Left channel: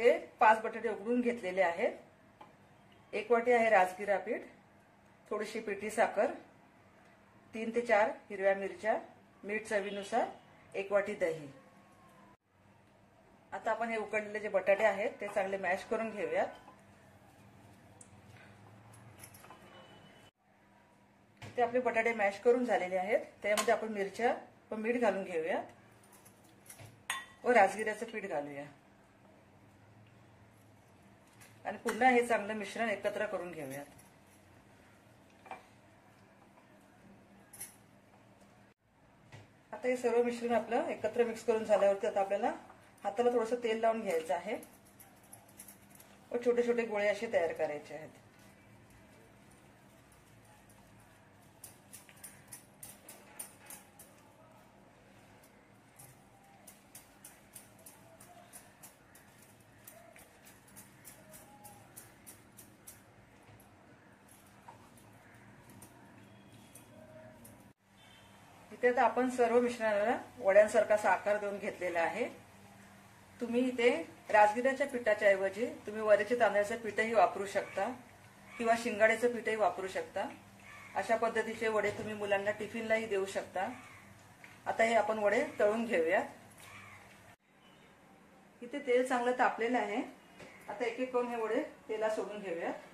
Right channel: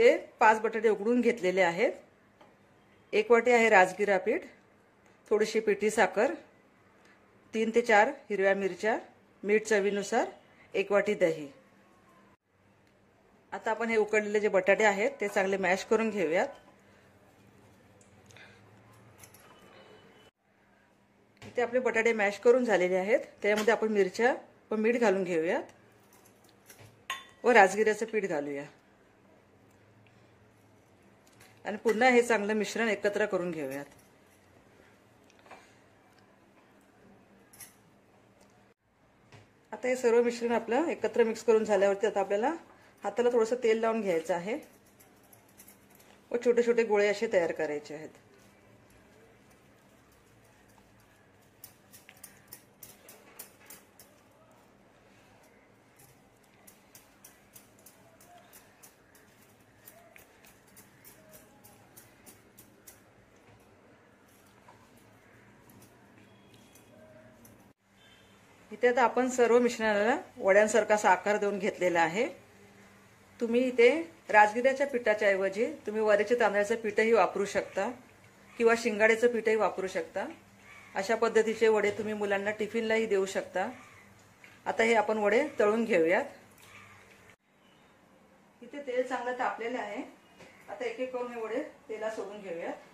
इथे 5 बटाटे उकडून घेतलेले आहेत. 1 वाटी आहे राजगिरा पीठ, थोडीशी पिठी साखर, 3 ते 4 हिरव्या मिरच्या, मीठ चवीनुसार, 1 वाटी दही. आता आपण हे उकडलेले जे बटाटे आहेत ते चांगले मॅश करून घेऊयात. इथे आपले बटाटे मॅश करून झालेले आहेत. त्यामध्ये आपण मिरच्या व मीठ घालून घेऊयात व राजगिऱ्याचं पीठ घालूया आणि पुन्हा हे चांगलं मिश्रण एकत्र करून घेऊयात. आता हे सर्व मिश्रण आपलं एकत्र मिक्स करून झाल्यावरती आता आपल्याला हाताला थोडंसं तेल लावून घ्यायचं आहे व छोटे छोटे गोळे असे तयार करायचे आहेत. इथे आता आपण सर्व मिश्रणाला वड्यांसारखा असा आकार देऊन घेतलेला आहे. तुम्ही इथे राजगिऱ्याच्या पिठाच्या ऐवजी तुम्ही वऱ्याच्या तांदळाचं पीठही वापरू शकता किंवा शिंगाड्याचं पीठही वापरू शकता. अशा पद्धतीचे वडे तुम्ही मुलांना टिफिनलाही देऊ शकता. आता हे आपण वडे तळून घेऊयात. इथे तेल चांगलं तापलेलं आहे. आता एक एक करून हे वडे तेलात सोडून घेऊयात.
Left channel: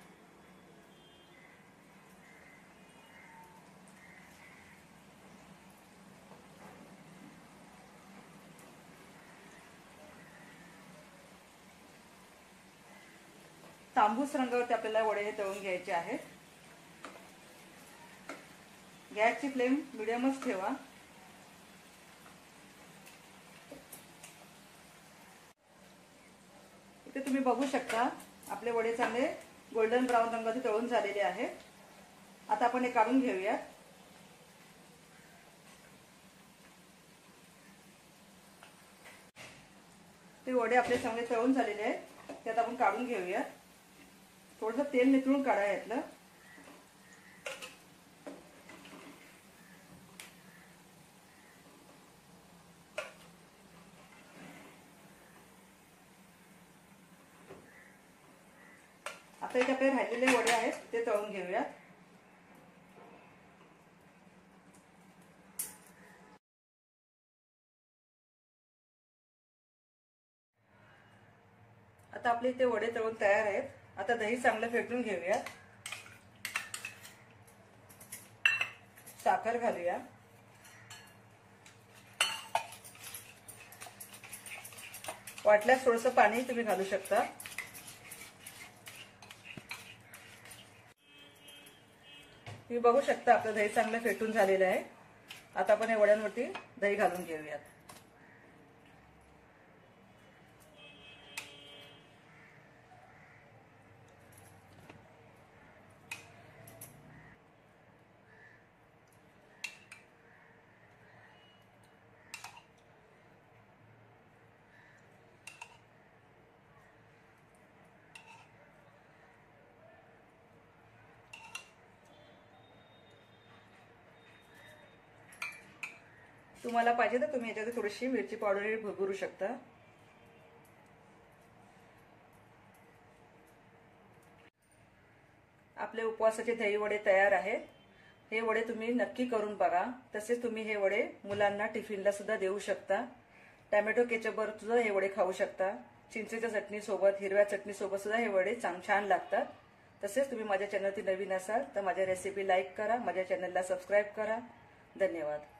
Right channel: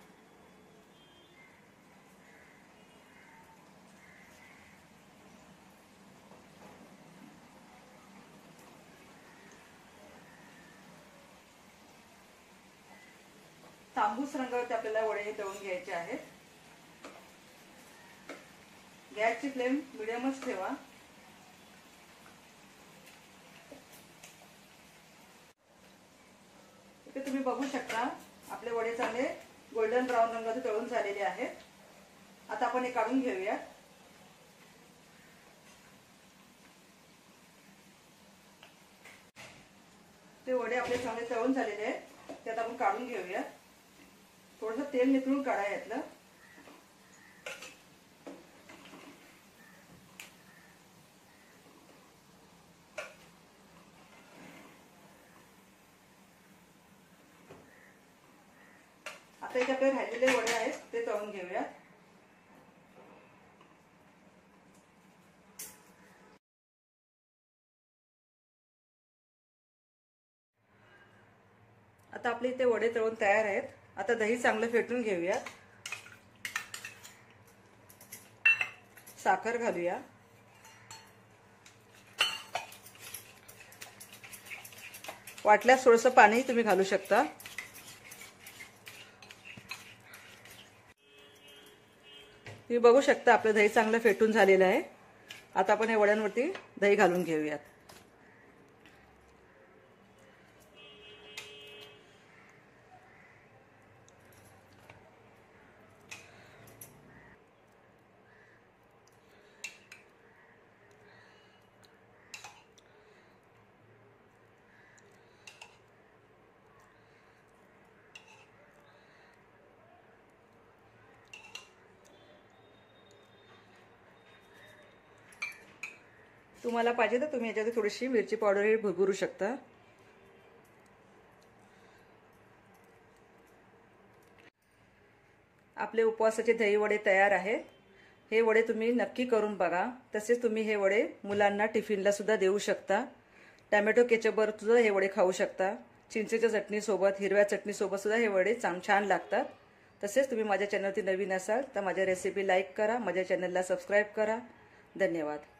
तांबूस रंगावरती आपल्याला वडे हे तळून घ्यायचे आहेत. गॅसची फ्लेम मिडियमच ठेवा. इथे तुम्ही बघू शकता आपले वडे चांगले गोल्डन ब्राऊन रंगाचे तळून झालेले आहेत. आता आपण हे काढून घेऊया. ते वडे आपले चांगले तळून झालेले आहेत. त्यात आपण काढून घेऊया. थोडंसं तेल निथळून काढा यातलं. आता इथे आपले राहिलेले वडे आहेत ते तळून घेऊया. आता आपले इथे वडे तळून तयार आहेत. आता दही चांगलं फेटून घेऊया. साखर घालूया. वाटल्यास थोडंसं पाणी तुम्ही घालू शकता. तुम्ही बघू शकता आपलं दही चांगलं फेटून झालेलं आहे. आता आपण या वड्यांवरती दही घालून घेऊयात. तुम्हाला पाहिजे तर तुम्ही याच्यात थोडीशी मिरची पावडर भुरभुरू शकता. आपले उपवासाचे दही वडे तयार आहेत. हे वडे तुम्ही नक्की करून बघा. तसेच तुम्ही हे वडे मुलांना टिफिनला सुद्धा देऊ शकता. टोमॅटो केचपवर सुद्धा हे वडे खाऊ शकता. चिंचेच्या चटणीसोबत, हिरव्या चटणीसोबत सुद्धा हे वडे छान लागतात. तसेच तुम्ही माझ्या चॅनलवरती नवीन असाल तर माझ्या रेसिपी लाईक करा, माझ्या चॅनलला सबस्क्राईब करा. धन्यवाद.